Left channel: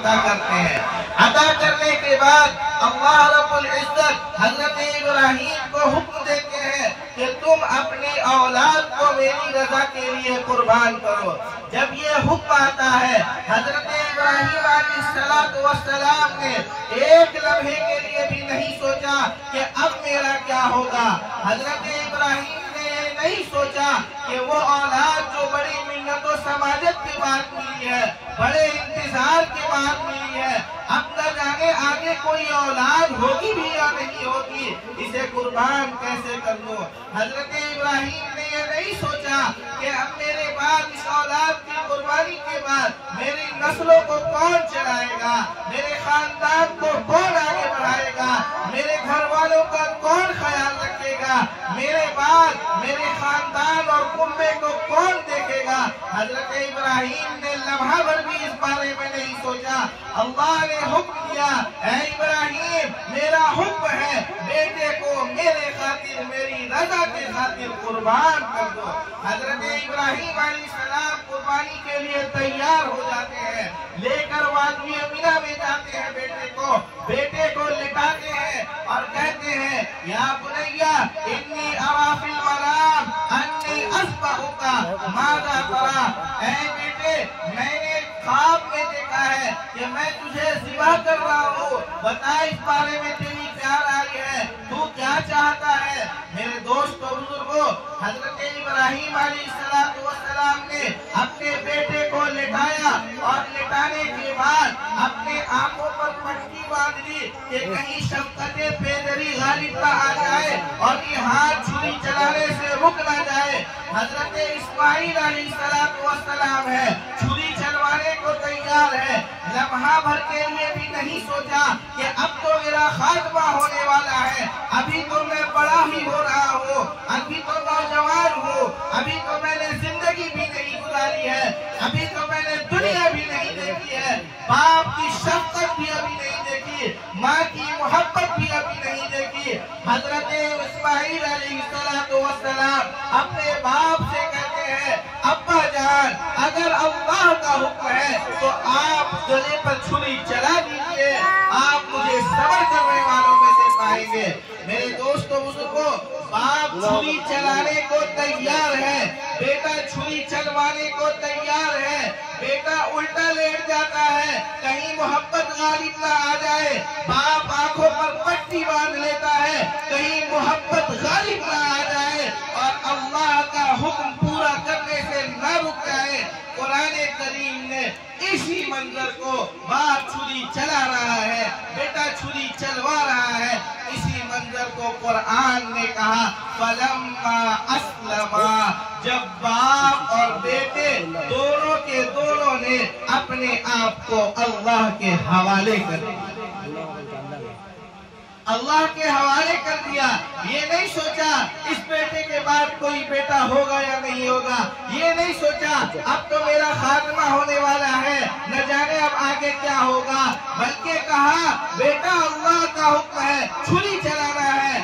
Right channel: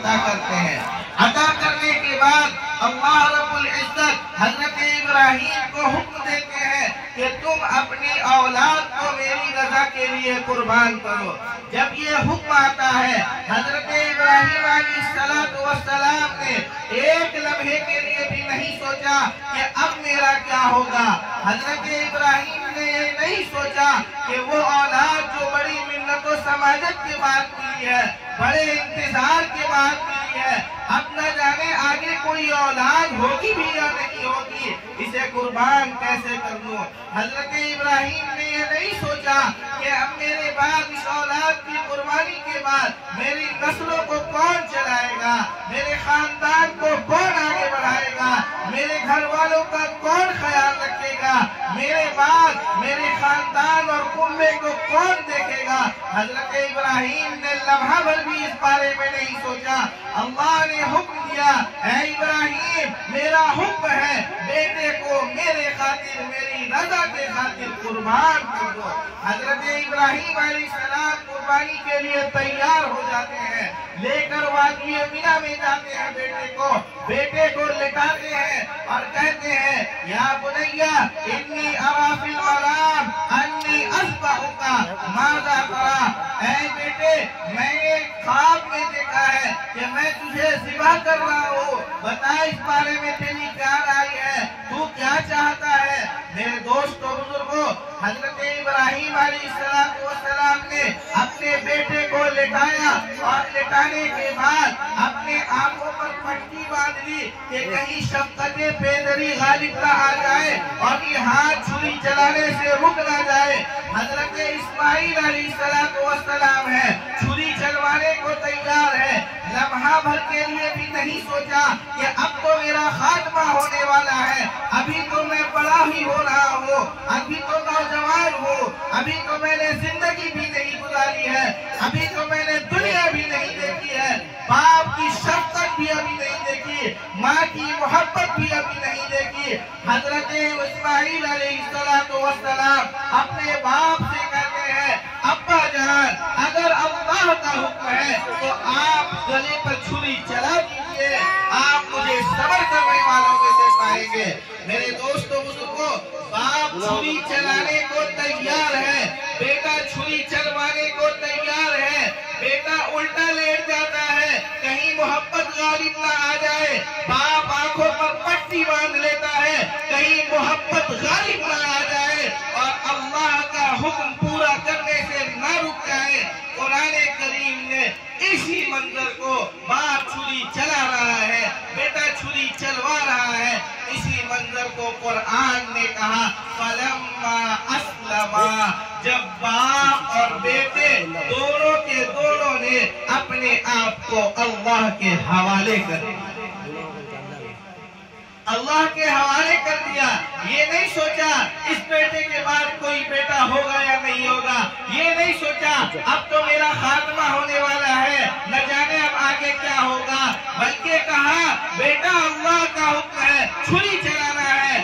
عطا کرتے ہیں۔ عطا کرنے کے بعد اللہ رب العزت حضرت ابراہیم کو حکم دیتے ہیں کہ تم اپنی اولاد کو میری رضا کے لیے قربان کرو۔ جب یہ حکم آتا ہے حضرت ابراہیم علیہ السلام نے ایک لمحے کے لیے بھی نہیں سوچا کہ اب میرا کیا ہوگا۔ حضرت ابراہیم نے یہ نہیں سوچا کہ وہ اولاد جو بڑی منت و سماجت کے بعد ملی ہے، بڑے انتظار کے بعد ملی ہے، اب نہ جانے آگے کوئی اولاد ہوگی بھی یا نہیں ہوگی، اسے قربان کیسے کر لوں۔ حضرت ابراہیم نے یہ نہیں سوچا کہ اب میرے بعد اس اولاد کی قربانی کے بعد میری نسلوں کو کون چلائے گا، میرے خاندان کو کون آگے بڑھائے گا، میرے گھر والوں کا کون خیال رکھے گا، میرے بعد میرے خاندان اور کنبے کو کون دیکھے گا۔ حضرت ابراہیم نے لمحہ بھر بھی اس بارے میں نہیں سوچا۔ اللہ نے حکم دیا، اے ابراہیم میرا حکم ہے بیٹے کو میرے خاطر میری رضا کے خاطر قربان کر دو۔ حضرت ابراہیم علیہ السلام قربانی کے لیے تیار ہو جاتے ہیں، لے کر وادی مینا میں جاتے ہیں، بیٹے کو لٹاتے ہیں اور کہتے ہیں یا بنیا انی ارا فی المنام انی اذبحک ماذا تری۔ اے بیٹے میں نے خواب میں دیکھا ہے کہ میں تجھے ذبح کر رہا ہوں، بتا اس بارے میں تیری کیا رائے ہے، تو کیا چاہتا ہے۔ میرے دوست و بزرگوں، حضرت ابراہیم علیہ السلام نے اپنے بیٹے کو لٹایا اور لٹانے کے بعد اپنے آنکھوں پر پٹی باندھ لی کہ کہیں شفقت پیدری غالب نہ آ جائے اور یہ ہاتھ چھری چلانے سے رک نہ جائے۔ حضرت اسماعیل علیہ السلام ہے، چھری چلوانے کو تیار ہے، لمحہ بھر کے لیے بھی نہیں سوچا کہ اب تو میرا خاتمہ ہونے والا ہے، ابھی تو میں بڑا ہی ہو رہا ہوں، ابھی تو نوجوان ہوں، ابھی تو میں نے زندگی بھی نہیں گزاری ہے، ابھی تو میں نے دنیا بھی نہیں دیکھی ہے، باپ کی شفقت بھی ابھی نہیں دیکھی، ماں کی محبت بھی ابھی نہیں دیکھی۔ حضرت اسماعیل علیہ السلام اپنے باپ سے کہتے ہیں ابا جان اگر اللہ کا حکم ہے تو آپ گلے پر چھری چلا دیجئے، آپ مجھے صبر کرنے والوں میں سے پائیں گے۔ میرے دوستو بزرگوں، باپ چھری چلانے کو تیار ہے، بیٹا چھری چلوانے کو تیار ہے، بیٹا الٹا لیٹ جاتا ہے کہیں محبت غالب نہ آ جائے، باپ آنکھوں پر پٹی باندھ لیتا ہے کہیں محبت غالب نہ آ جائے اور اللہ کا حکم پورا کرنے سے نہ رک جائے۔ قرآن کریم نے اسی منظر کو باپ چھری چلا رہا ہے، بیٹا چھری چلوا رہا ہے، اسی منظر کو قرآن نے کہا فَلَمَّا أَسْلَمَا، جب باپ اور بیٹے دونوں کے دونوں نے اپنے آپ کو اللہ کے حوالے کر دیا، اللہ کے حوالے کر دیا۔ یہ نہیں سوچا اس بیٹے کے بعد کوئی بیٹا ہوگا یا نہیں ہوگا، یہ نہیں سوچا اب تو میرا خاتمہ ہونے والا ہے، نہ جانے اب آگے کیا ہوگا، بلکہ کہا بیٹا اللہ کا حکم ہے چھری چلانا ہے،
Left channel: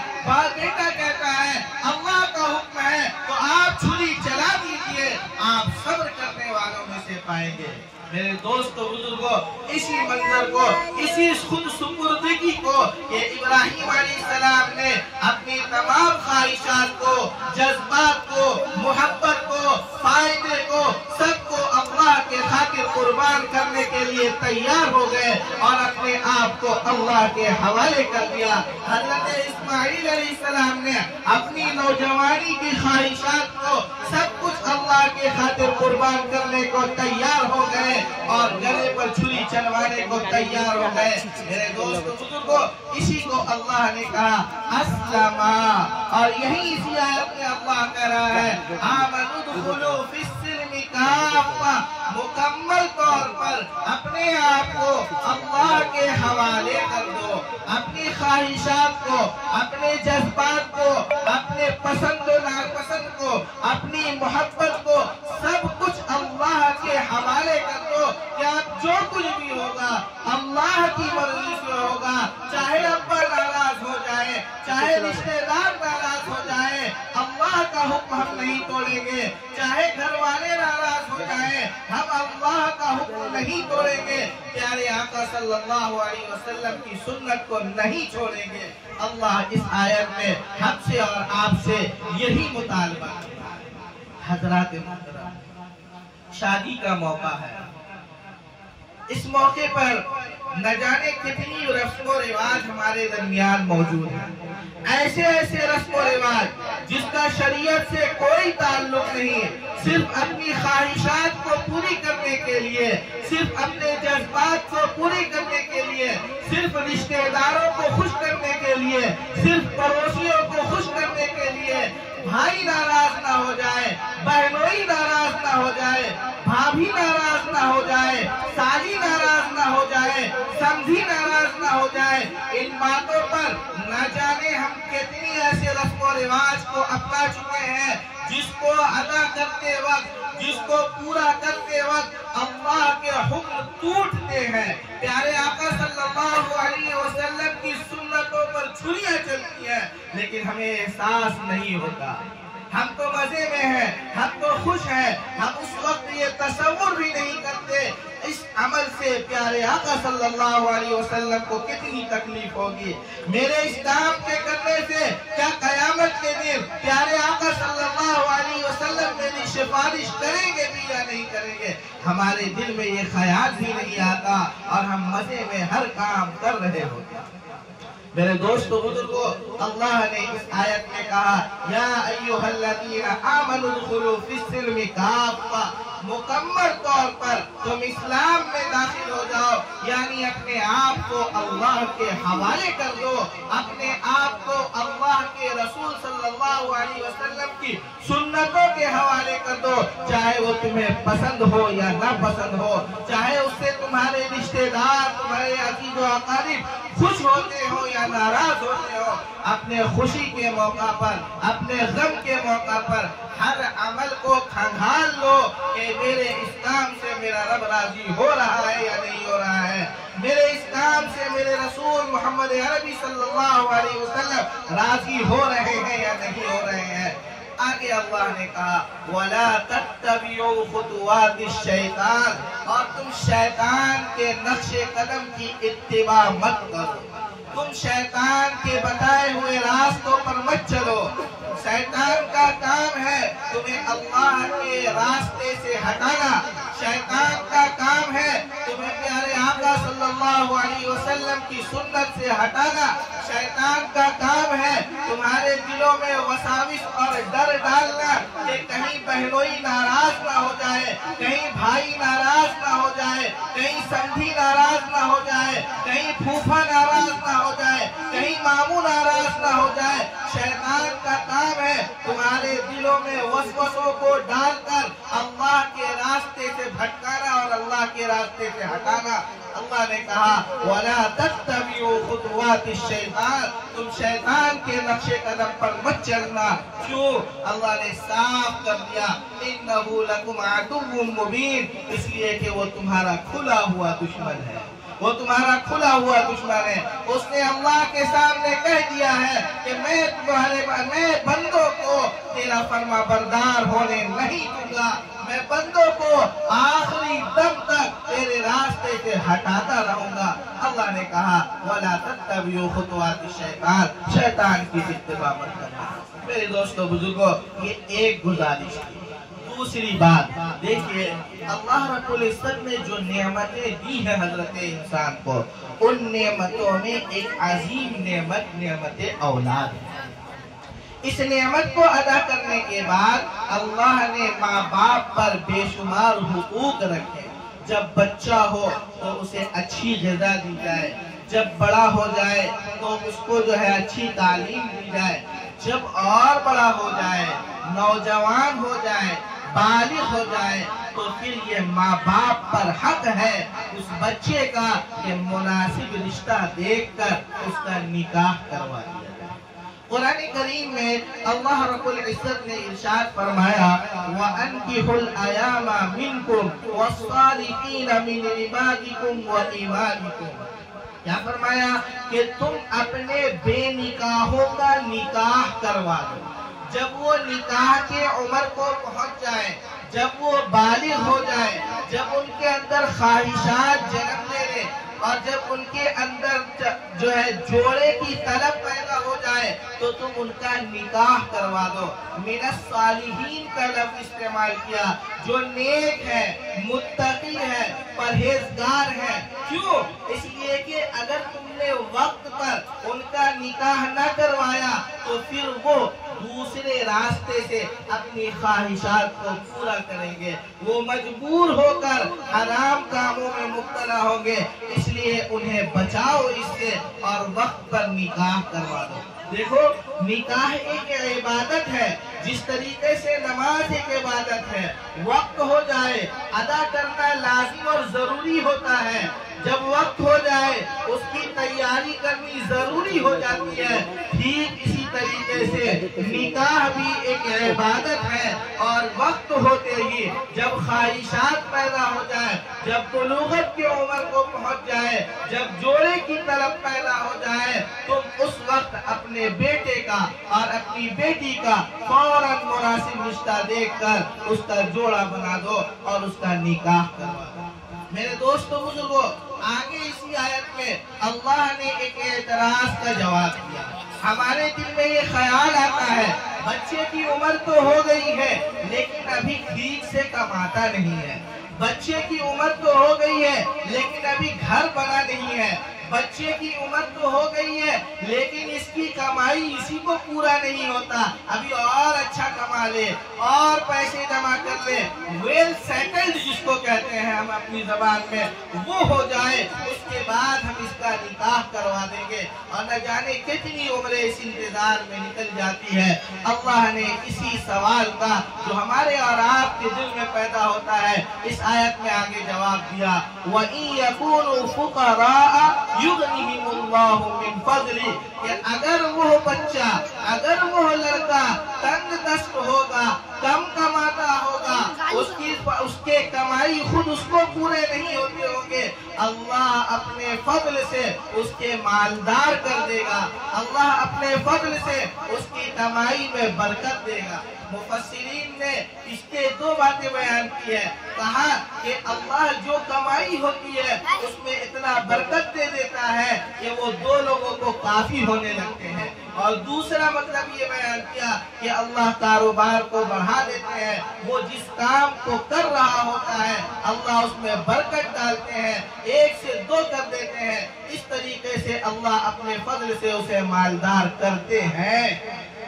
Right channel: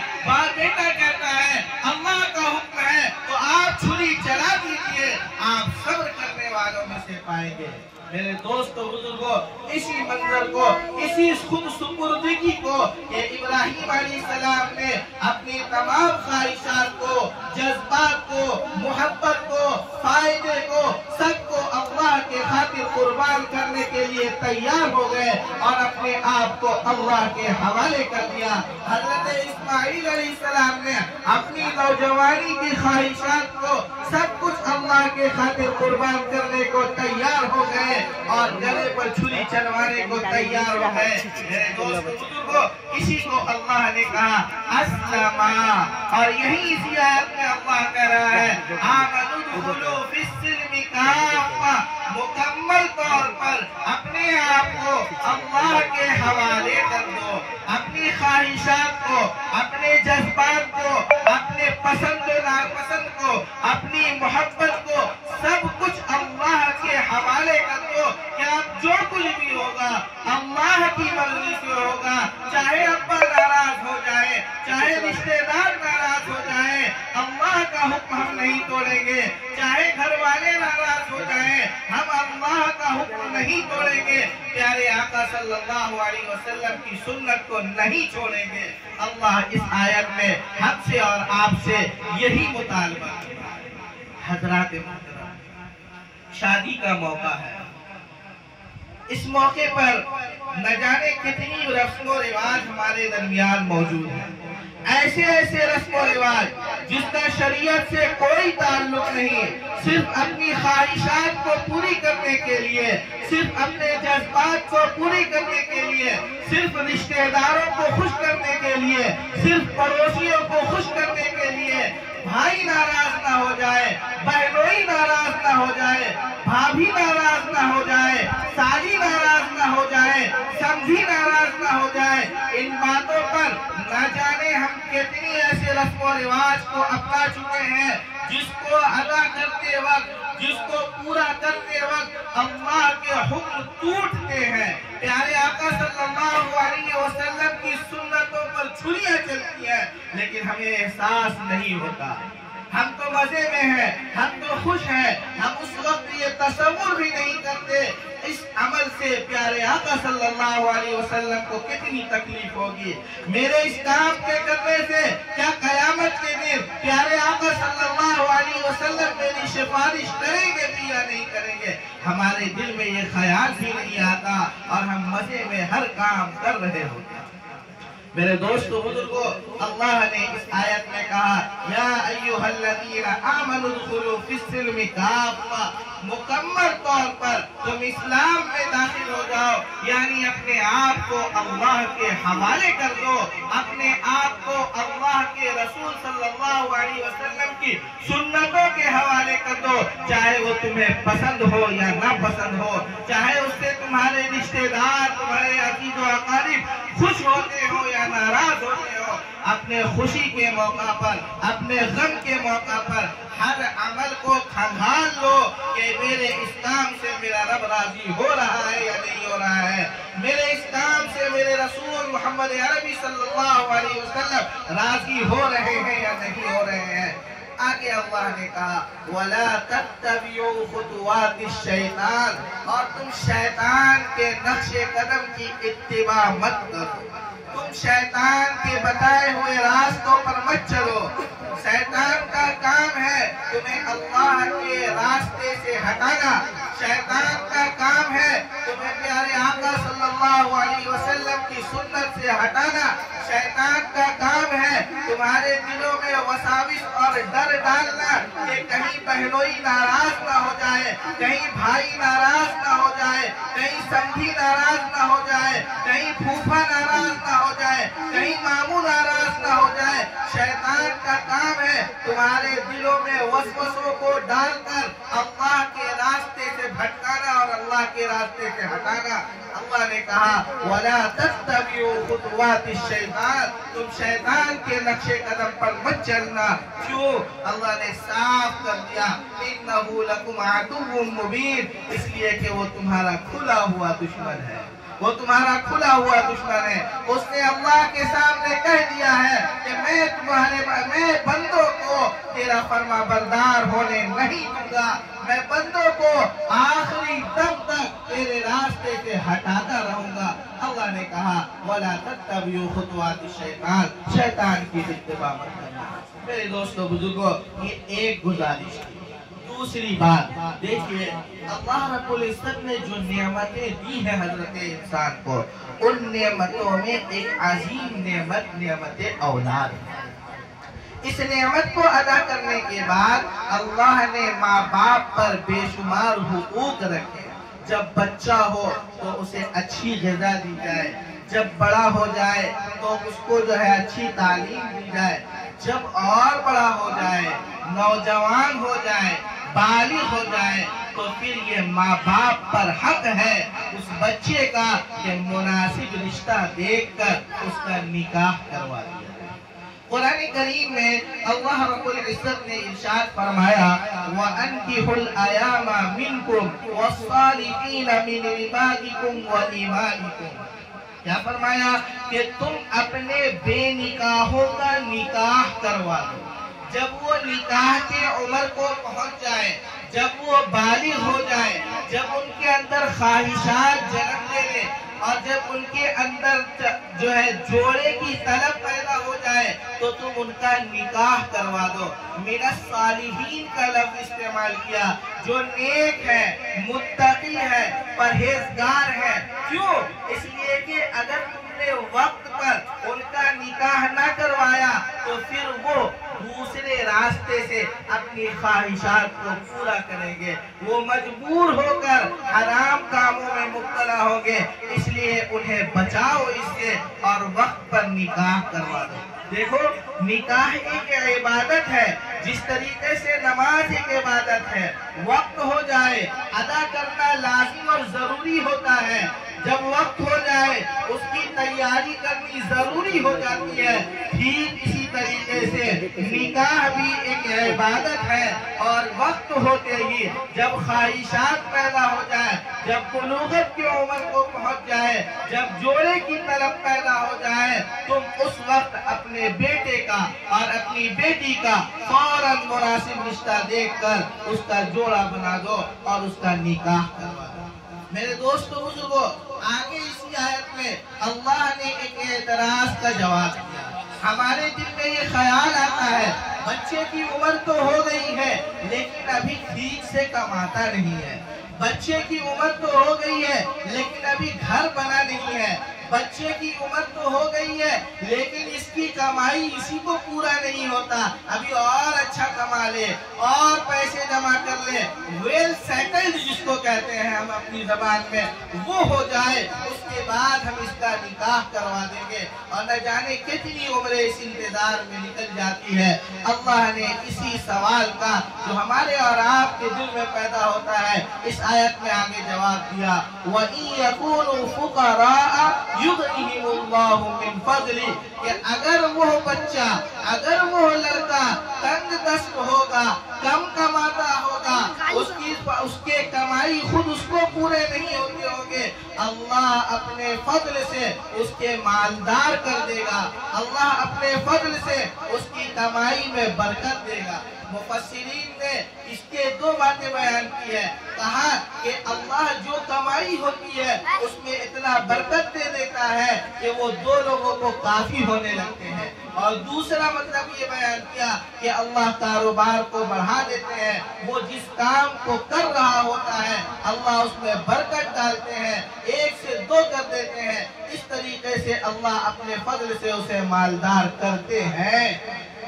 بیٹا کہتا ہے اللہ کا حکم ہے تو آپ چھری چلا دیجئے، آپ صبر کرنے والوں میں سے پائیں گے۔ میرے دوست و بزرگوں، اسی منظر کو، اسی خود سپردگی کو کہ ابراہیم علیہ السلام نے اپنی تمام خواہشات کو، جذبات کو، محبت کو، فائدے کو، سب کو اللہ کے خاطر قربان کرنے کے لیے تیار ہو گئے اور اپنے آپ کو اللہ کے حوالے کر دیا۔ حضرت اسماعیل علیہ السلام نے اپنی نوجوانی کی خواہشات کو سب کچھ اللہ کے خاطر قربان کرنے کو تیار ہو گئے اور گلے پر چھری چلوانے کو تیار ہو گئے۔ میرے دوست و بزرگوں، اسی کو اللہ نے کہا اسلما، اور یہی اسی آیت میں اللہ کہہ رہا ہے آمنوا ادخلوا فی السلم کافہ، مکمل طور پر اپنے آپ کو اللہ کے حوالے کر دو، اپنی خواہشات کو، اپنے جذبات کو، اپنے پسند و ناپسند کو، اپنی محبت کو، سب کچھ اللہ کے حوالے کر دو کہ اب جو کچھ بھی ہوگا اللہ کی مرضی سے ہوگا، چاہے ابا ناراض ہو جائے، چاہے رشتہ دار ناراض ہو جائے، اللہ کا حکم ہم نہیں توڑیں گے، چاہے گھر والے ناراض ہو جائیں، ہم اللہ کا حکم نہیں نہیں توڑیں گے، پیارے آقا صلی اللہ علیہ وسلم کی سنت کو نہیں چھوڑیں گے۔ اللہ اس آیت میں ہم سے اور آپ سے یہی مطالبہ کرتا ہے۔ حضرات محترم، شادی کا موقع ہے، اس موقع پر نہ جانے کتنی رسم و رواج ہمارے درمیان موجود ہیں، ایسے ایسے رسم و رواج جس کا شریعت سے کوئی تعلق نہیں، صرف اپنی خواہشات کو پوری کرنے کے لیے، صرف اپنے جذبات کو پوری کرنے کے لیے، صرف رشتہ داروں کو خوش کرنے کے لیے، صرف پڑوسیوں کو خوش کرنے کے لیے، بھائی ناراض نہ ہو جائے، بہنوئی ناراض نہ ہو جائے، بھابھی ناراض نہ ہو جائے، سالی ناراض نہ ہو جائے، سمجھی ناراض نہ ہو جائے، ان باتوں پر نہ جانے ہم کتنی ایسے رسم و رواج کو اپنا چکے ہیں جس کو ادا کرتے وقت، جس کو پورا کرتے وقت اللہ کے حکم ٹوٹتے ہیں۔ پیارے آقا صلی اللہ علیہ وسلم کی سنتوں پر چھریاں چلتی ہیں لیکن ہمیں احساس نہیں ہوتا، ہم تو مزے میں ہیں، ہم تو خوش ہیں، ہم اس وقت یہ تصور بھی نہیں کرتے اس عمل سے پیارے آقا صلی اللہ علیہ وسلم کو کتنی تکلیف ہوگی۔ میرے اس کام کے کرنے سے کیا قیامت کے دن پیارے آقا صلی اللہ علیہ وسلم میری سفارش کریں گے بھی یا نہیں کریں گے؟ ہمارے دل میں یہ خیال بھی نہیں آتا اور ہم مزے میں ہر کام کر رہے ہوتے ہیں۔ میرے دوستو بزرگو، اللہ نے اس آیت میں کہا یا ایھا الذین آمنوا ادخلوا فی السلم کافہ، مکمل طور پر تم اسلام میں داخل ہو جاؤ، یعنی اپنے آپ کو اللہ کے حوالے کر دو، اپنے آپ کو اللہ کے رسول صلی اللہ علیہ وسلم کی سنتوں کے حوالے کر دو، چاہے وہ تمہیں پسند ہو یا نہ پسند ہو، چاہے اس سے تمہارے رشتہ دار، تمہارے عزیز و اقارب خوش ہوتے ہو یا ناراض ہوتے ہو۔ اپنے خوشی کے موقع پر، اپنے غم کے موقع پر ہر عمل کو کھنگال لو کہ میرے اسلام سے میرا رب راضی ہو رہا ہے یا نہیں ہو رہا ہے، میرے اسلام سے میرے رسول محمد عربی صلی اللہ علیہ وسلم راضی ہو رہے ہیں یا نہیں ہو رہے ہیں۔ آگے اللہ نے کہا وَلَا تَتَّبِعُوا خُطُوَاتِ الشَّيْطَانِ، اور تم شیطان کے نقش قدم کی اتباع مت کرو، تم شیطان کے بتائے ہوئے راستوں پر مت چلو۔ شیطان کا کام ہے تمہیں اللہ کے راستے سے ہٹانا، شیطان کا کام ہے تمہیں پیارے آقا صلی اللہ علیہ وسلم کی سنت سے ہٹانا، شیطان کا کام ہے تمہارے دلوں میں وساوس اور ڈر ڈالنا کہ کہیں بہنوئی ناراض نہ ہو جائے، کہیں بھائی ناراض نہ ہو جائے، کہیں سمجھی ناراض نہ ہو جائے، کہیں پھوپھا ناراض نہ ہو جائے، کہیں ماموں ناراض نہ ہو جائے۔ شیطان کا کام ہے تمہارے دلوں میں وسوسوں کو ڈال کر اللہ کے راستے سے بھٹکانا اور اللہ کے راستے سے ہٹانا۔ اللہ نے کہا وَلَا تَتَّبِعُوا خُطُوَاتِ الشَّيْطَانِ، تم شیطان کے نقش قدم پر مت چلنا۔ کیوں؟ اللہ نے صاف کر دیا إِنَّهُ لَكُمْ عَدُوٌّ مُّبِينٌ، اس لیے کہ وہ تمہارا کھلا ہوا دشمن ہے، وہ تمہارا کھلا ہوا دشمن ہے۔ اس نے اللہ کے سامنے کہہ دیا ہے کہ میں بندوں کو تیرا فرما بردار ہونے نہیں دوں گا، میں بندوں کو آخری دم تک تیرے راستے سے ہٹاتا رہوں گا۔ اللہ نے کہا وَلَا تَتَّبِعُوا خُطُوَاتِ الشَّيْطَانِ، شیطان کی اتباع مت کرنا۔ میرے دوستو بزرگوں، یہ ایک گزارش تھی۔ دوسری بات دیکھیے، اللہ رب العزت نے جو نعمتیں دی ہیں حضرت انسان کو، ان نعمتوں میں ایک عظیم نعمت اولاد ہے۔ اس نعمت کو ادا کرنے کے بعد اللہ نے ماں باپ پر بے شمار حقوق رکھے۔ جب بچہ ہو تو اسے اچھی غذا دی جائے، جب بڑا ہو جائے تو اس کو جو ہے اچھی تعلیم دی جائے، جب اور بڑا ہو جائے، نوجوان ہو جائے، بالغ ہو جائے تو پھر یہ ماں باپ پر حق ہے اس بچے کا کہ مناسب رشتہ دیکھ کر اس کا نکاح کروا دیا جائے۔ قرآن کریم میں اللہ رب العزت نے ارشاد فرمایا وَأَنْكِحُوا الْأَيَامَ مِنْكُمْ وَالصَّالِحِينَ مِنْ عِبَادِكُمْ وَإِمَائِكُمْ، کیا فرمایا کہ تم اپنے بے نکاحوں کا نکاح کروا دو۔ جب وہ نکاح کے عمر کو پہنچ جائے، جب وہ بالغ ہو جائے، جب ان کے اندر خواہشات جنم لے لے اور جب ان کے اندر جو ہے جوڑے کی طلب پیدا ہو جائے تو تم ان کا نکاح کروا دو۔ من الصالحین کا لفظ استعمال کیا، جو نیک ہے، متقی ہے، پرہیزگار ہے۔ کیوں؟ اس لیے کہ اگر تم نے وقت پر ان کا نکاح نہ کروایا تو پھر وہ دوسرے راستے سے اپنی خواہشات کو پورا کریں گے، وہ مجبور ہو کر حرام کاموں میں مبتلا ہوں گے۔ اس لیے انہیں بچاؤ اس سے اور وقت پر نکاح کروا دو۔ دیکھو، نکاح ایک عبادت ہے، جس طریقے سے نماز ایک عبادت ہے۔ وقت ہو جائے ادا کرنا لازم اور ضروری ہوتا ہے، جب وقت ہو جائے اس کی تیاری کرنی ضروری ہو جاتی ہے۔ ٹھیک اسی طریقے سے نکاح بھی ایک عبادت ہے، اور وقت ہوتے ہی جب خواہشات پیدا ہو جائے، جب بلوغت کی عمر کو پہنچ جائے، جب جوڑے کی طلب پیدا ہو جائے، تم اس وقت اپنے بیٹے کا اور اپنی بیٹی کا فوراً مناسب رشتہ دیکھ کر اس کا جوڑا بنا دو اور اس کا نکاح کروا دو۔ میرے دوستو بزرگوں، آگے اسی آیت میں اللہ نے ایک اعتراض کا جواب دیا۔ ہمارے دل میں یہ خیال آتا ہے، بچے کی عمر تو ہو گئی ہے لیکن ابھی ٹھیک سے کماتا نہیں ہے، بچے کی عمر تو ہو گئی ہے لیکن ابھی گھر بنا نہیں ہے، بچے کی عمر تو ہو گئی ہے لیکن اس کی کمائی اسی کو پورا نہیں ہوتا، ابھی اور اچھا کما لے اور پیسے جمع کر لے، ویل سیٹلڈ جس کو کہتے ہیں ہم اپنی زبان میں، وہ ہو جائے، اس کے بعد ہم اس کا نکاح کروا دیں گے۔ اور نہ جانے کتنی عمریں اس انتظار میں نکل جاتی ہے۔ اللہ نے اسی سوال کا جو ہمارے اور آپ کے دل میں پیدا ہوتا ہے اس آیت میں آگے جواب دیا، وَإِن يَكُونُوا فُقَرَاءَ يُغْنِهِمُ اللَّهُ مِن فَضْلِهِ، کہ اگر وہ بچہ، اگر وہ لڑکا تنگ دست ہوگا، کم کماتا ہوگا، اس کے کمائی خود اس کو پورے نہیں ہوتے ہوں گے، اللہ اپنے فضل سے اس کے مالدار کر دے گا، اللہ اپنے فضل سے اس کی کمائی میں برکت دے گا۔ مفسرین نے اس کے دو باتیں بیان کی ہے، کہا کہ اللہ جو کمائی ہوتی ہے اس میں اتنا برکت دے دیتا ہے کہ وہ دو لوگوں کو کافی ہونے لگتے ہیں، اور دوسرا مطلب یہ بیان کیا کہ اللہ کاروبار کو بڑھا دیتے ہیں، وہ جس کام کو کر رہا ہوتا ہے اللہ اس میں برکت ڈالتے ہیں، ایک سے دو کر دیتے ہیں، اس طریقے سے اللہ اپنے فضل سے اسے مالدار کرتے ہیں۔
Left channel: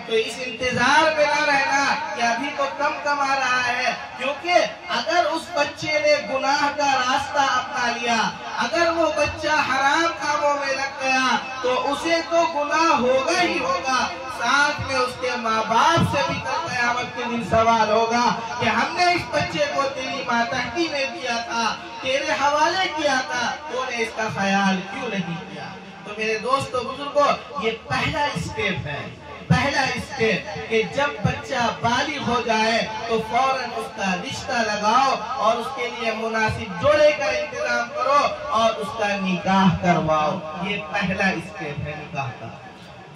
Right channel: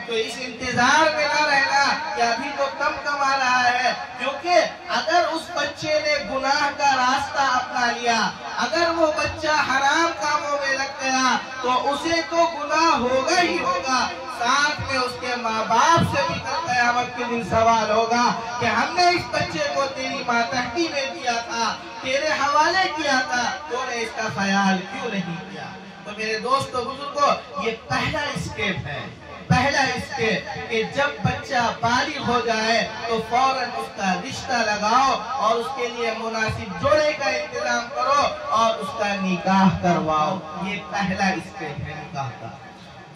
تو اس انتظار میں نہ رہنا کہ ابھی تو کم کما رہا ہے، کیونکہ اگر اس بچے نے گناہ کا راستہ اپنا لیا، اگر وہ بچہ حرام کاموں میں لگ گیا تو اسے تو گناہ ہوگا ہی ہوگا، ساتھ میں اس کے ماں باپ سے بھی کل قیامت کے دن سوال ہوگا کہ ہم نے اس بچے کو تیری ماتحتی میں دیا تھا، تیرے حوالے کیا تھا، تو نے اس کا خیال کیوں نہیں کیا؟ تو میرے دوستو بزرگوں، یہ پہلا اسٹیپ ہے، پہلا اسٹیپ کہ جب بچہ بالغ ہو جائے تو فوراً اس کا رشتہ لگاؤ اور اس کے لیے مناسب جوڑے کا انتظام کرو اور اس کا نکاح کرواؤ۔ یہ پہلا اسٹیپ ہے نکاح کا۔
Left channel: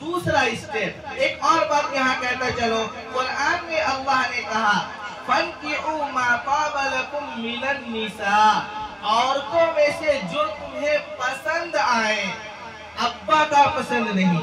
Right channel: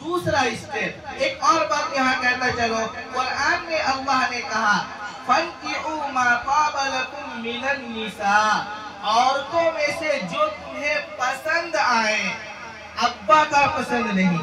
دوسرا اسٹیپ، ایک اور بات یہاں کہتا چلو، قرآن میں اللہ نے کہا فَانْكِحُوا مَا طَابَ لَكُم مِّنَ النِّسَاءِ، عورتوں میں سے جو تمہیں پسند آئے، ابا کا پسند نہیں،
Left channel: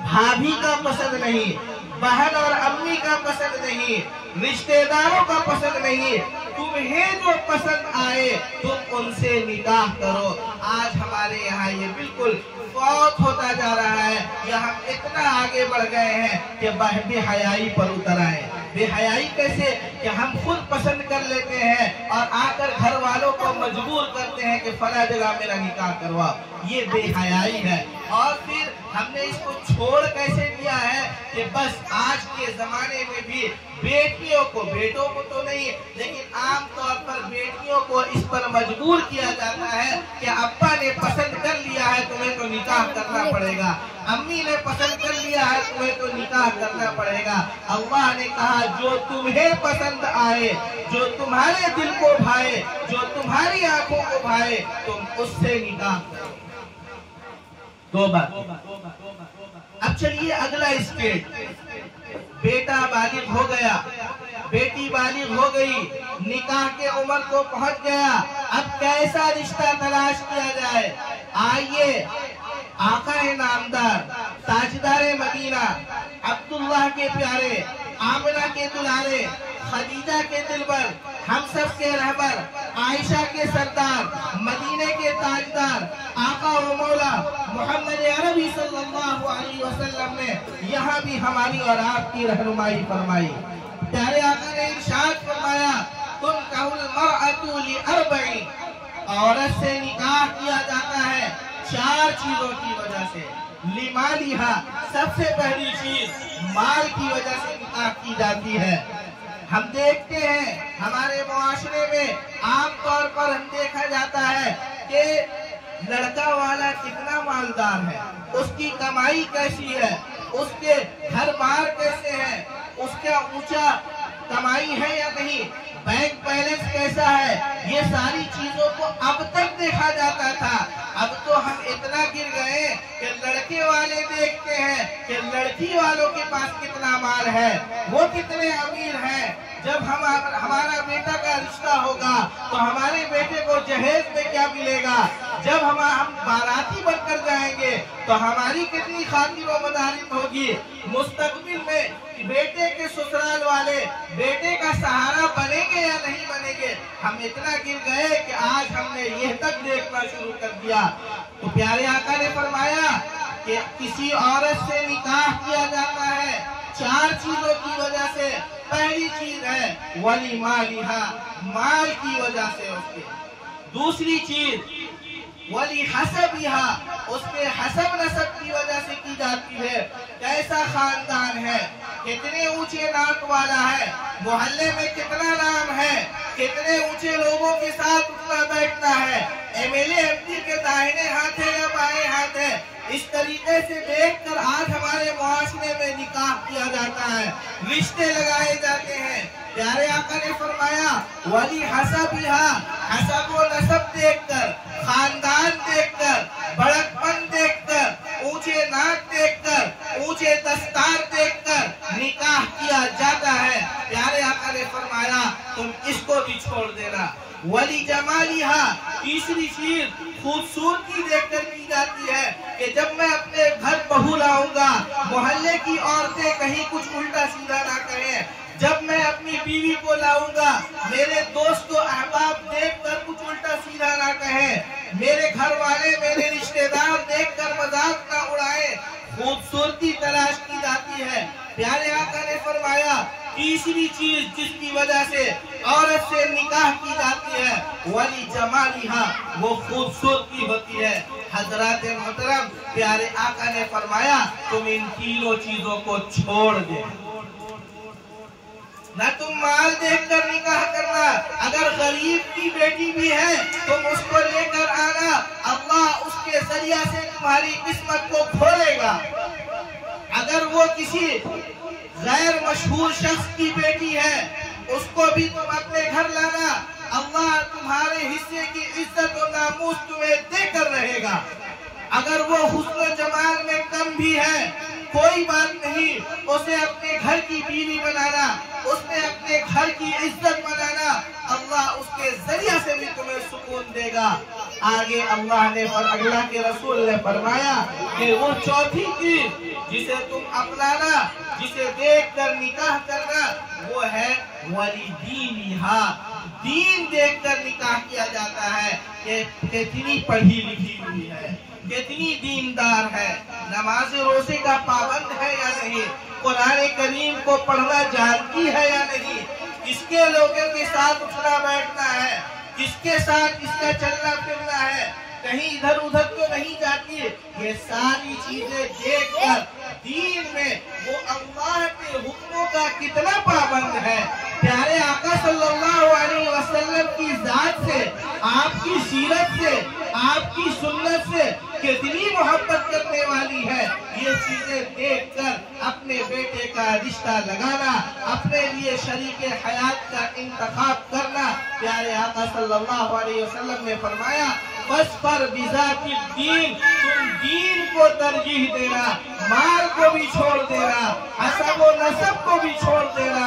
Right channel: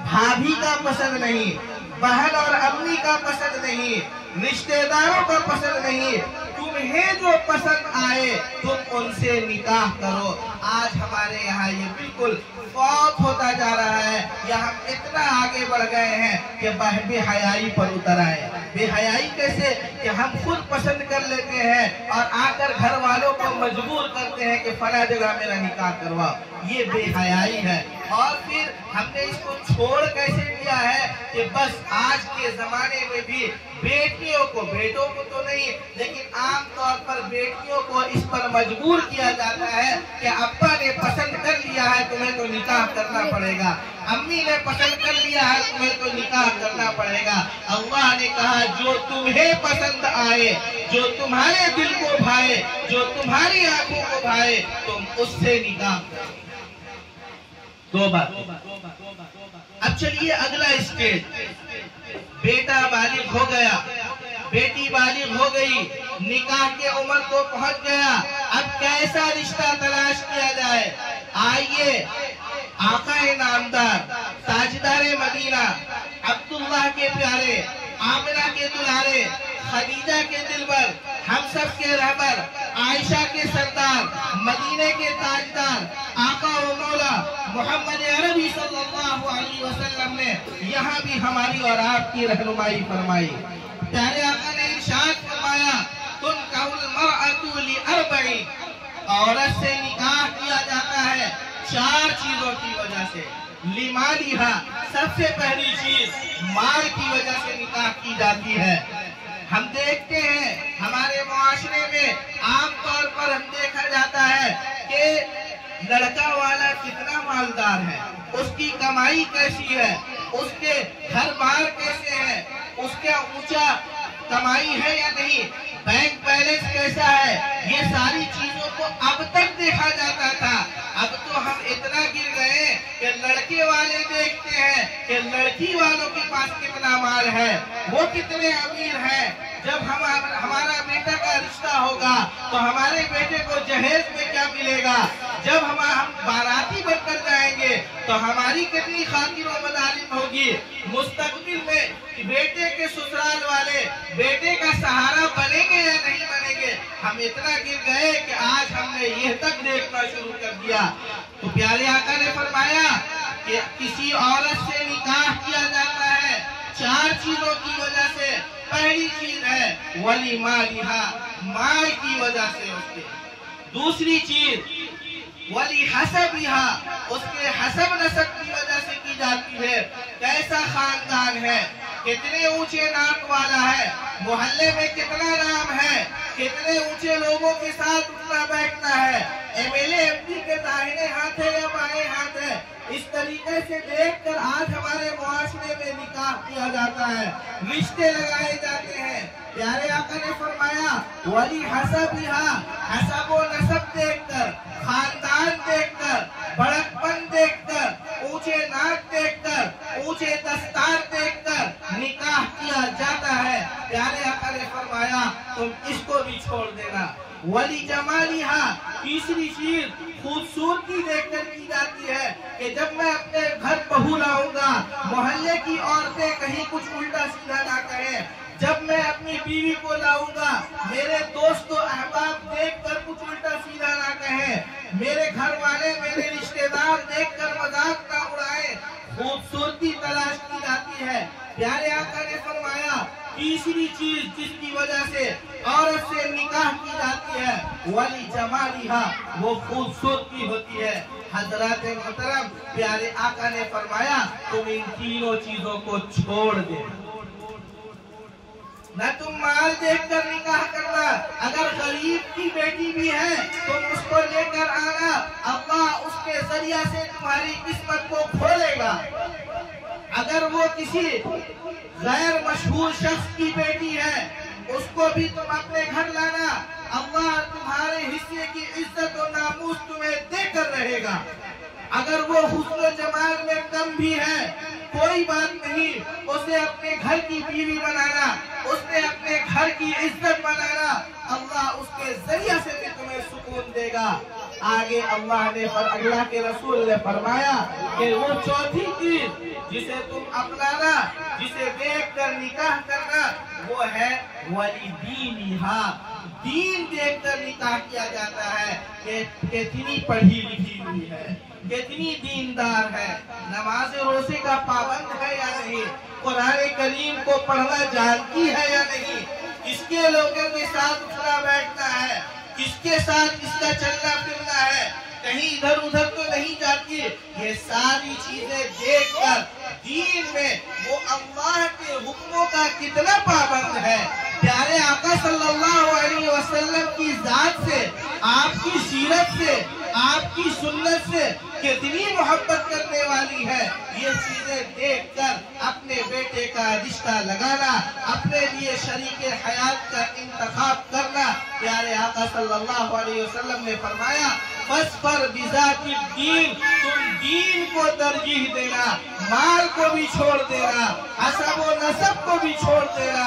بھابھی کا پسند نہیں، بہن اور امی کا پسند نہیں، رشتہ داروں کا پسند نہیں، تمہیں جو پسند آئے تم ان سے نکاح کرو۔ آج ہمارے یہاں یہ بالکل فوت ہوتا جا رہا ہے، یا ہم اتنا آگے بڑھ گئے ہیں کہ بے حیائی پر اتر آئے۔ بے حیائی کیسے کہ ہم خود پسند کر لیتے ہیں اور آ کر گھر والوں کو مجبور کرتے ہیں کہ فلاں جگہ میرا نکاح کرواؤ، یہ بے حیائی ہے۔ اور پھر ہم نے اس کو چھوڑ کیسے دیا ہے کہ بس آج کے زمانے میں بھی بیٹیوں کو، بیٹوں کو تو نہیں لیکن عام طور پر بیٹیوں کو اس پر مجبور کیا جاتا ہے کہ ابا نے پسند کر لیا ہے تمہیں تو نکاح کرنا پڑے گا، امی نے پسند کر لیا ہے تمہیں تو نکاح کرنا پڑے گا۔ اللہ نے کہا جو تمہیں پسند آئے، جو تمہارے دل کو بھائے، جو تمہاری آنکھوں کو بھائے، تم اس سے نکاح کرو۔ دو بات۔ اب چلیے اگلا اسٹیج، بیٹا بالغ ہو گیا، بیٹی بالغ ہو گئی، نکاح کے عمر کو پہنچ گیا، اب کیسا رشتہ تلاش کیا جائے؟ آئیے آقا نامدار تاجدار مدینہ، عبداللہ کے پیارے، آمنہ کے دلارے، خدیجہ کے دلبر، ہم سب کے رہبر، عائشہ کے سردار، مدینے کے تاجدار، آقا و مولا محمد عربی صلی اللہ علیہ وسلم نے یہاں بھی ہماری اور آپ کی رہنمائی فرمائی۔ پیارے آقا نے ارشاد فرمایا، تنکح المرأة لأربع، عورت سے نکاح کیا جاتا ہے 4 چیزوں کی وجہ سے۔ لمالہا، سب سے پہلی چیز مال کی وجہ سے نکاح کی جاتی ہے۔ ہم دیکھتے ہیں ہمارے معاشرے میں عام طور پر ہم دیکھا جاتا ہے کہ لڑکا والا کتنا مالدار ہے، اس کی کمائی کیسی ہے، اس کے گھر بار کیسے ہے، اس کا اونچا کمائی ہے یا نہیں، بینک بیلنس کیسا ہے، یہ ساری چیزوں کو اب تک دیکھا جاتا تھا۔ اب تو ہم اتنا گر گئے کہ لڑکے والے دیکھتے ہیں کہ لڑکی والوں کے پاس کتنا مال ہے، وہ کتنے امیر ہیں۔ جب ہمارا بیٹا کا رشتہ ہوگا تو ہمارے بیٹے کو جہیز میں کیا ملے گا، جب ہم باراتی بن کر جائیں گے تو ہماری کتنی خاطر و مدارت ہوگی، مستقبل میں بیٹے کے سسرال والے بیٹے کا سہارا بنیں گے یا نہیں بنیں گے۔ ہم اتنا گر گئے کہ آج ہم نے یہ تک دیکھنا شروع کر دیا۔ تو پیارے آقا نے فرمایا کہ کسی عورت سے نکاح کیا جاتا ہے 4 چیزوں کی وجہ سے۔ پہلی چیز ہے ولی مالہا، مال کی وجہ سے اس کے۔ دوسری چیز ولی حسبہا، اس کے حسب نسب کی وجہ سے کی جاتی ہے، کیسا خاندان ہے، کتنے اونچے نام والا ہے، محلے میں کتنا نام ہے، کتنے اونچے لوگوں کے ساتھ اٹھنا بیٹھنا ہے، M L A M P کے داہنے ہاتھ ہے یا بائیں ہاتھ ہے۔ اس طریقے سے دیکھ کر آج ہمارے معاشرے میں نکاح کیا جاتا ہے، رشتے لگائے جاتے ہیں۔ پیارے آقا نے فرمایا ولی حسبہا، حسب و نسب دیکھ کر، خاندان دیکھ کر، بڑکپن دیکھ کر، اونچے ناک دیکھ کر، اونچے دستار دیکھ کر نکاح کیا جاتا ہے۔ پیارے آقا نے فرمایا تم اس کو بھی چھوڑ دینا۔ ولی جمالہا، تیسری چیز خوبصورتی دیکھ کر کی جاتی ہے کہ جب میں اپنے گھر بہو لاؤں گا، محلے کی عورتیں کہیں کچھ الٹا سیدھا نہ کہیں۔ جب میں اپنی بیوی کو لاؤں گا، میرے دوست و احباب دیکھ کر کچھ الٹا سیدھا نہ کہیں، میرے گھر والے میرے رشتہ دار دیکھ کر مذاق نہ اڑائیں۔ خوبصورتی تلاش کی جاتی ہے۔ پیارے آقا نے فرمایا تیسری چیز جس کی وجہ سے عورت سے نکاح کی جاتی ہے ولی جمالہا، وہ خوبصورتی ہوتی ہے۔ حضرات محترم، پیارے آقا نے فرمایا تم ان تینوں چیزوں کو چھوڑ دے، نہ تم مال دیکھ کر نکاح کرنا، اگر غریب کی بیٹی بھی ہے تم اس کو لے کر آنا، اللہ اس کے ذریعہ سے تمہاری قسمت کو کھولے گا۔ اگر وہ کسی غیر مشہور شخص کی بیٹی ہے اس کو بھی تم اپنے گھر لانا، اللہ تمہارے حصے کی عزت و ناموس تمہیں دے کر رہے گا۔ اگر وہ حسن و جمال میں کم بھی ہے کوئی بات نہیں، اسے اپنے گھر کی بیوی بنانا، اسے اپنے گھر کی عزت بنانا، اللہ اس کے ذریعہ سے بھی تمہیں سکون دے گا۔ آگے اللہ کے رسول نے فرمایا کہ وہ چوتھی چیز جسے تم اپنانا، جسے دیکھ کر نکاح کرنا، وہ ہے ولی دینہا، دین دیکھ کر نکاح کیا جاتا ہے کہ کتنی پڑھی لکھی ہوئی ہے، کتنی دیندار ہے، نماز روزے کا پابند ہے یا نہیں، قرآن کریم کو پڑھنا جانتی ہے یا نہیں، کس کے لوگوں کے ساتھ اٹھنا بیٹھنا ہے، کس کے ساتھ اس کا چلنا پھرنا ہے، کہیں ادھر ادھر تو نہیں جاتی۔ یہ ساری چیزیں دیکھ کر دین میں وہ اللہ کے حکموں کا کتنا پابند ہے۔ پیارے آقا صلی اللہ علیہ وسلم کی ذات سے، آپ کی سیرت سے، آپ کی سنت سے کتنی محبت کرنے والی ہے، یہ چیزیں دیکھ کر اپنے بیٹے کا رشتہ لگانا، اپنے لیے شریک حیات کا انتخاب کرنا۔ پیارے آقا صلی اللہ علیہ وسلم نے فرمایا فَاظْفَرْ بِذَاتِ الدِّينِ، تم دین کو ترجیح دینا، مال کو بھی چھوڑ دینا، حسب و نسب کو بھی چھوڑ دینا،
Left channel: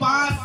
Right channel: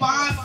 5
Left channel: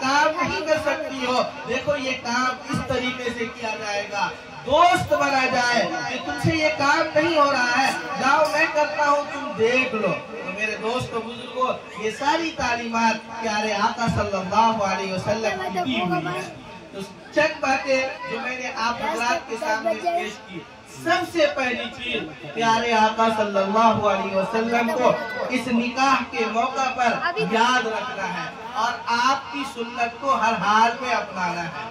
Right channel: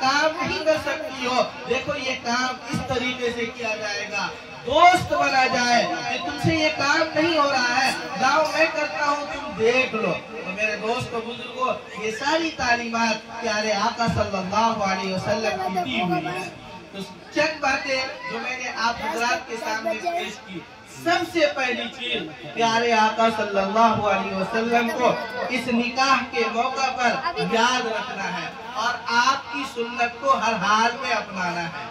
کام نہیں کر سکتی ہو، دیکھو یہ کام اس طریقے سے کیا جائے گا، دوست بنا جائے کہ تم سے یہ کام نہیں ہو رہا ہے، جاؤ میں کرتا ہوں تم دیکھ لو۔ تو میرے دوست و بزرگوں، یہ ساری تعلیمات پیارے آقا صلی اللہ علیہ وسلم کی دی ہوئی ہے۔ تو چند باتیں جو میں نے آپ حضرات کے سامنے پیش کی، سب سے پہلی چیز پیارے آقا صلی اللہ علیہ وسلم کو اس نکاح کے موقع پر یاد رکھنا ہے اور آپ کی سنت کو ہر حال میں اپنانا ہے۔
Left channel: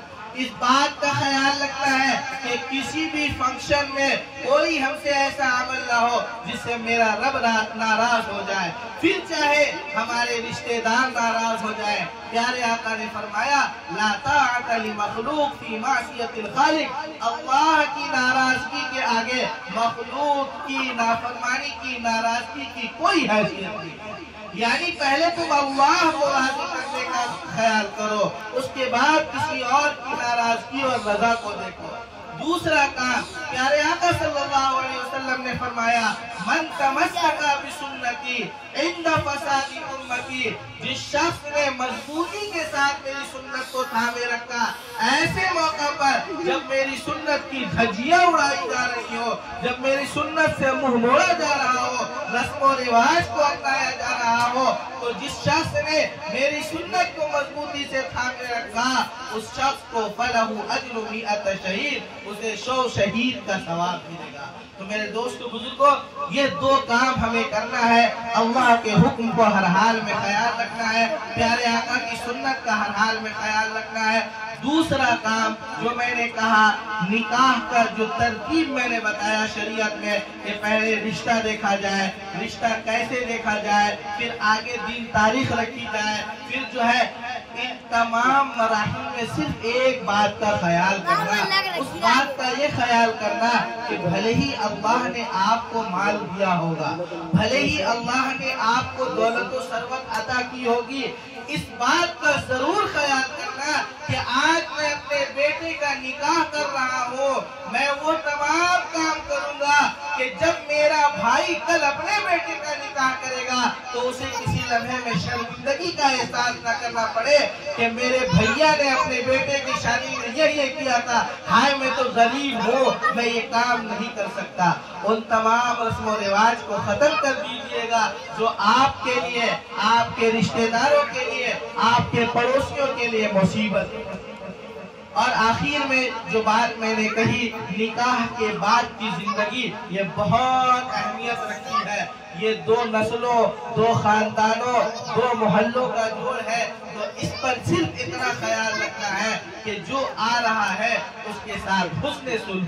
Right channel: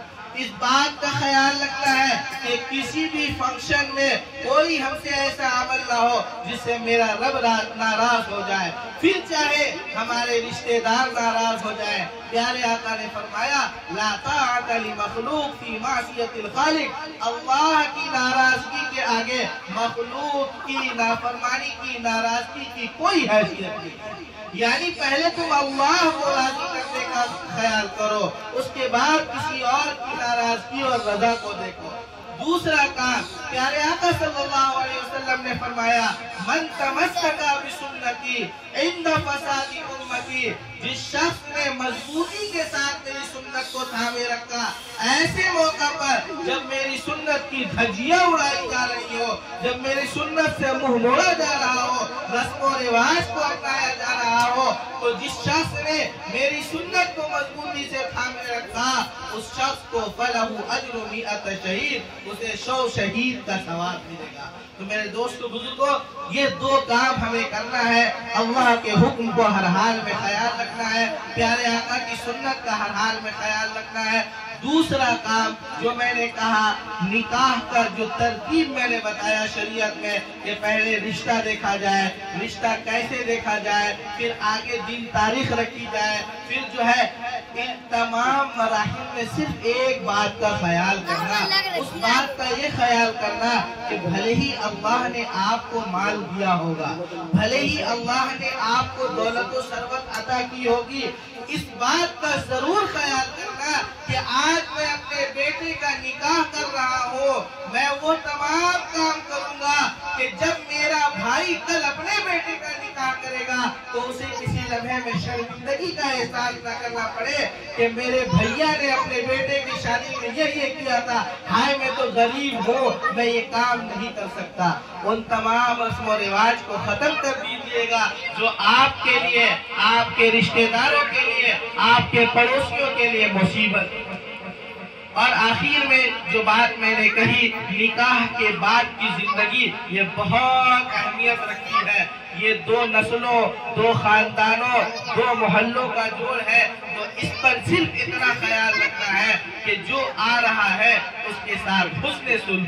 اس بات کا خیال رکھنا ہے کہ کسی بھی فنکشن میں کوئی ہم سے ایسا عمل نہ ہو جس سے میرا رب ناراض ہو جائے، پھر چاہے ہمارے رشتہ دار ناراض ہو جائے۔ پیارے آقا نے فرمایا لا طاعت لمخلوق فی معصیت الخالق، اللہ کی ناراضگی کے آگے مخلوق کی نافرمانی کی ناراضگی کی کوئی حیثیت نہیں۔ یعنی پہلے تم اللہ کو راضی کرنے کا خیال کرو، اس کے بعد کسی اور کی ناراضگی اور رضا کو دیکھو۔ دوسرا کام پیارے آقا صلی اللہ علیہ وسلم نے فرمایا من تمسک بسنتی عند فساد امتی، جس شخص نے مضبوطی کے ساتھ میری سنت کو تھامے رکھا، ایسے موقع پر جب میری سنت کی دھجیاں اڑائی جا رہی ہو، جب میری سنت سے منہ موڑا جا رہا ہو، رسم و رواج کو اپنایا جا رہا ہو، تو جس شخص نے میری سنت کو مضبوطی سے تھامے رکھا، اس شخص کو فلہ اجر 100 شہید، اسے 100 شہید کا ثواب ملے گا۔ تو میرے دوستو بزرگوں، یہ دو کام ہمیں کرنا ہے، اللہ کے حکم کو ہر حال میں خیال رکھنا ہے، پیارے آقا کی سنت کا ہر حال میں خیال رکھنا ہے۔ دوسرا کام جو میں نے کہا، نکاح کا جو ترتیب میں نے بتایا شریعت میں کہ پہلے رشتہ دیکھا جائے، رشتہ کیسے دیکھا جائے، پھر آگے دن تاریخ رکھی جائے، پھر جو ہے ان تمام مراحل میں صرف ایک بات کا خیال کرنا، اس بات کا یہ خیال کرنا کہ بھلے ہی اللہ نے آپ کو مال دیا ہوگا، بھلے ہی اللہ نے آپ کو دولت و ثروت عطا کی ہوگی، اس بات کا ضرور خیال کرنا کہ آج میں اپنے بیٹے کا نکاح کر رہا ہوں، میں وہ تمام کام کروں گا کہ جب میرا بھائی کل اپنے بیٹے کا نکاح کرے گا تو اسے کسی لمحے میں شرمندگی کا احساس نہ کرنا پڑے کہ میرے بھیا نے اپنے بیٹے کی شادی میں یہ کیا تھا، ہائے میں تو غریب ہوں، میں یہ کام نہیں کر سکتا۔ ان تمام رسم و رواج کو ختم کر دیجئے گا جو آپ کے لیے، آپ کے رشتہ داروں کے لیے، آپ کے پڑوسیوں کے لیے مصیبت۔ اور آخر میں جو بات میں نے کہی، نکاح کے بعد کی زندگی یہ بہت اہمیت رکھتی ہے، یہ دو نسلوں، دو خاندانوں، دو محلوں کا جوڑ ہے، تو اس پر صرف اتنا خیال رکھنا ہے کہ جو آ رہا ہے اس کے ساتھ حسن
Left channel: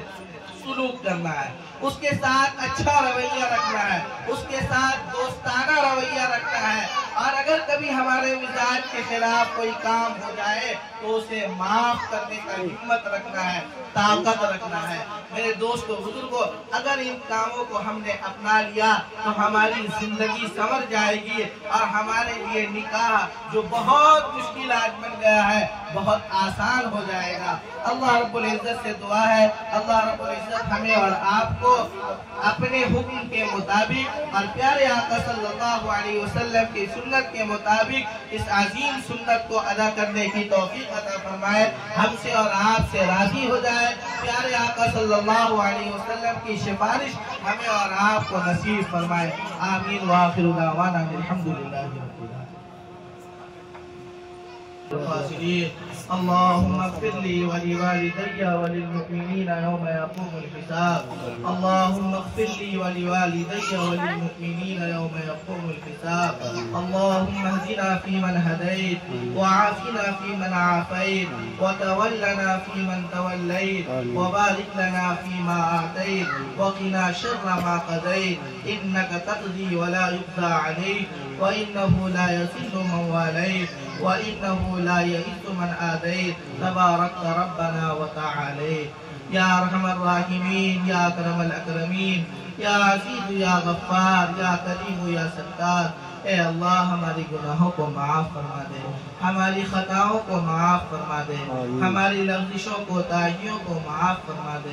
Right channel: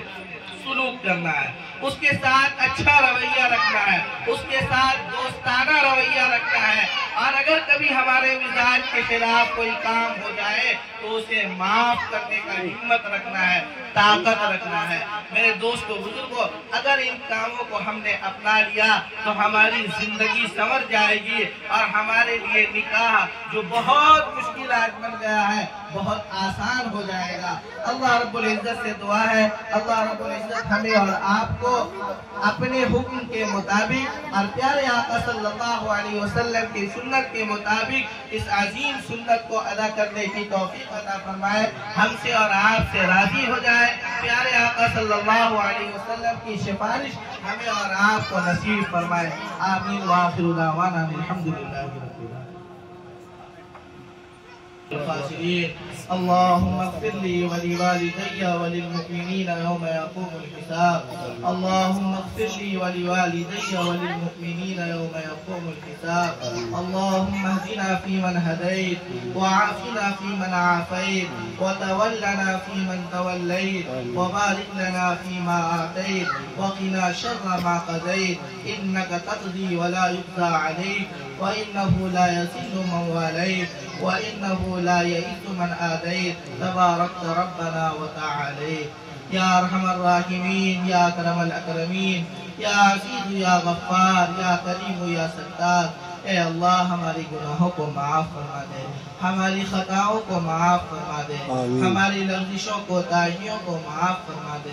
سلوک کرنا ہے، اس کے ساتھ اچھا رویہ رکھنا ہے، اس کے ساتھ دوستانہ رویہ رکھنا ہے، اور اگر کبھی ہمارے مزاج کے خلاف کوئی کام ہو جائے تو اسے معاف کرنے کا ہمت رکھنا ہے، طاقت رکھنا ہے۔ میرے دوستو بزرگوں، اگر ان کاموں کو ہم نے اپنا لیا تو ہماری زندگی سنور جائے گی اور ہمارے لیے نکاح جو بہت مشکل آج بن گیا ہے بہت آسان ہو جائے گا۔ اللہ رب العزت سے دعا ہے، اللہ رب العزت ہمیں اور آپ کو اپنے حکم کے مطابق اور پیارے آقا صلی اللہ علیہ وسلم کی سنت کے مطابق اس عظیم سنت کو ادا کرنے کی توفیق عطا فرمائے، ہم سے اور آپ سے راضی ہو جائے، پیارے آقا صلی اللہ علیہ وسلم کی سفارش ہمیں اور آپ کو نصیب فرمائے۔ آمین وآخر دعوانا الحمدللہ رب العالمین۔ اللهم اغفر لي ولوالدي وللمؤمنين يوم يقوم الحساب، اللهم اغفر لي ولوالدي وللمؤمنين يوم يقوم الحساب، اللهم اهدنا فيمن هديت وعافنا فيمن عافيت وتولنا فيمن توليت وبارك لنا فيما أعطيت وقنا شر ما قضيت، إنك تقضي ولا يقضى عليك وإنه لا يذل من واليت وإنه لا يئس من آديت، تباركت ربنا وتعاليت۔ يا أرحم الراحمين، يا أكرم الأكرمين، يا عزيز يا غفار، يا كريم يا ستار، اے اللہ ہماری گناہوں کو معاف فرما دے، ہماری خطاؤں کو معاف فرما دے، ہماری لغزشوں کو تاہیوں کو معاف فرما دے۔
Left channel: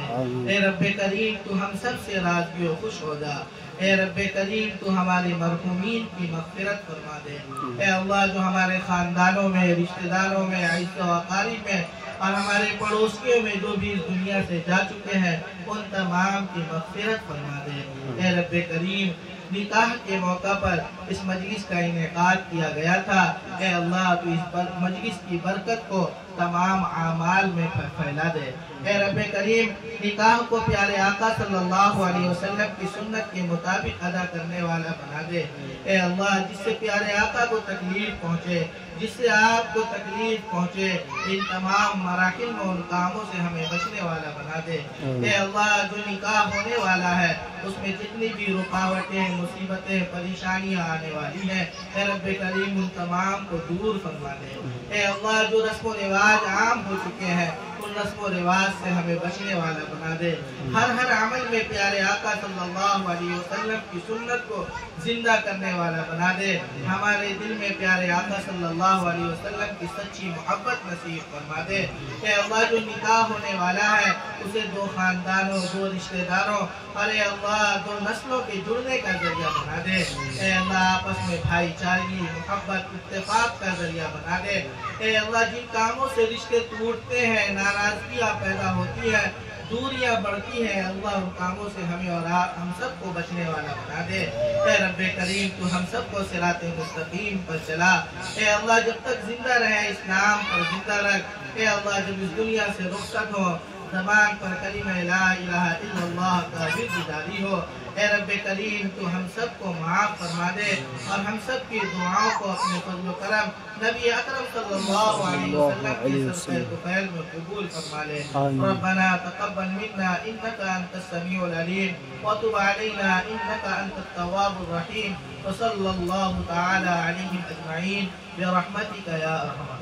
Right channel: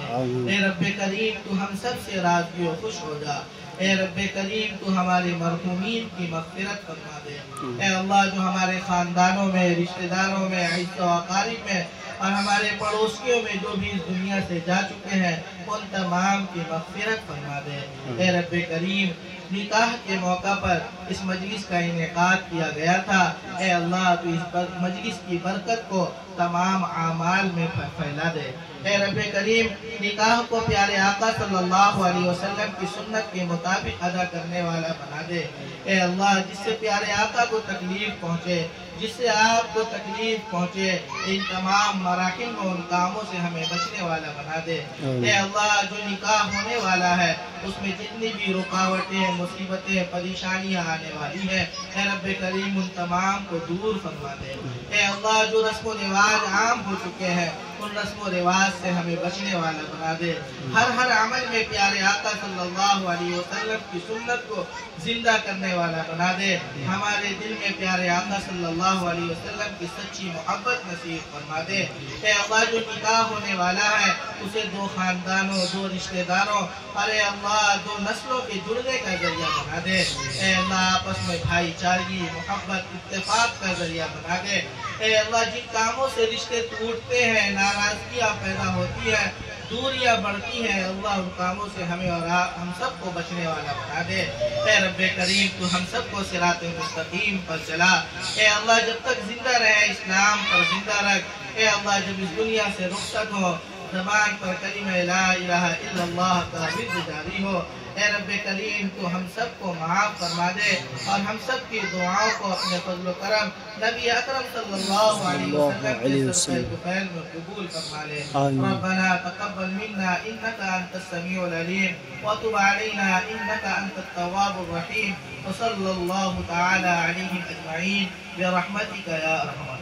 اے رب کریم تو ہم سب سے راضی و خوش ہو جا۔ اے رب کریم تو ہمارے مرحومین کی مغفرت فرما دے۔ اے اللہ جو ہمارے خاندانوں میں، رشتہ داروں میں، عزیز و اقارب میں اور ہمارے پڑوسیوں میں جو بھی اس دنیا سے جا چکے ہیں ان تمام کی مغفرت فرما دے۔ اے رب کریم نکاح کے موقع پر اس مجلس کا انعقاد کیا گیا تھا، اے اللہ تو اس مجلس کی برکت کو تمام اعمال میں پھیلا دے۔ اے رب کریم نکاح کو پیارے آقا صلی اللہ علیہ وسلم کی سنت کے مطابق ادا کرنے والا بنا دے۔ اے اللہ جس سے پیارے آقا کو تکلیف پہنچے، جس سے آپ کو تکلیف پہنچے، ان تمام مراحل میں ان کاموں سے ہمیں بچنے والا بنا دے۔ اے اللہ جو نکاح ہونے والا ہے اس میں جتنی بھی رکاوٹیں، مصیبتیں، پریشانیاں آنے والی ہیں، اے رب کریم ان تمام کو دور فرما دے۔ اے اللہ جو رسم و رواج عام ہو چکے ہیں ان رسم و رواج سے ہمیں بچنے والا بنا دے۔ ہر عمل میں پیارے آقا صلی اللہ علیہ وسلم کی سنت کو زندہ کرنے والا بنا دے۔ ہمارے دل میں پیارے آقا صلی اللہ علیہ وسلم کی سچی محبت نصیب فرما دے۔ اے اللہ جو نکاح ہونے والا ہے اسے دو خاندانوں، دو رشتہ داروں اور اے اللہ دو نسلوں کے جڑنے کا ذریعہ بنا دے۔ اے اللہ آپس میں بھائی چارگی، محبت، اتفاق کا ذریعہ بنا دے۔ اے اللہ جن کاموں سے رشتے ٹوٹتے ہیں، ناراضگیاں پیدا ہوتی ہیں، دوریاں بڑھتی ہیں، اللہ ان کاموں سے ہمیں اور ہم سب کو بچنے والا بنا دے۔ اے رب کریم تو ہم سب کو صراط مستقیم پر چلا۔ اے اللہ جب تک زندہ رہے اسلام پر زندہ رکھ۔ اے اللہ جب اس دنیا سے رخصت ہو زبان پر کلمہ لا الہ الا اللہ کا ورد جاری ہو۔ اے رب کریم تو ہم سب کو معاف فرما دے اور ہم سب کی دعاؤں کو اپنے فضل و کرم نبی اکرم صلی اللہ علیہ وسلم کے صدقہ طیب میں قبول فرما لے۔ ربنا تقبل منا انك انت السميع العليم وتب علينا انك انت التواب الرحيم وصلى الله تعالى عليهم اجمعين برحمتك يا ارحم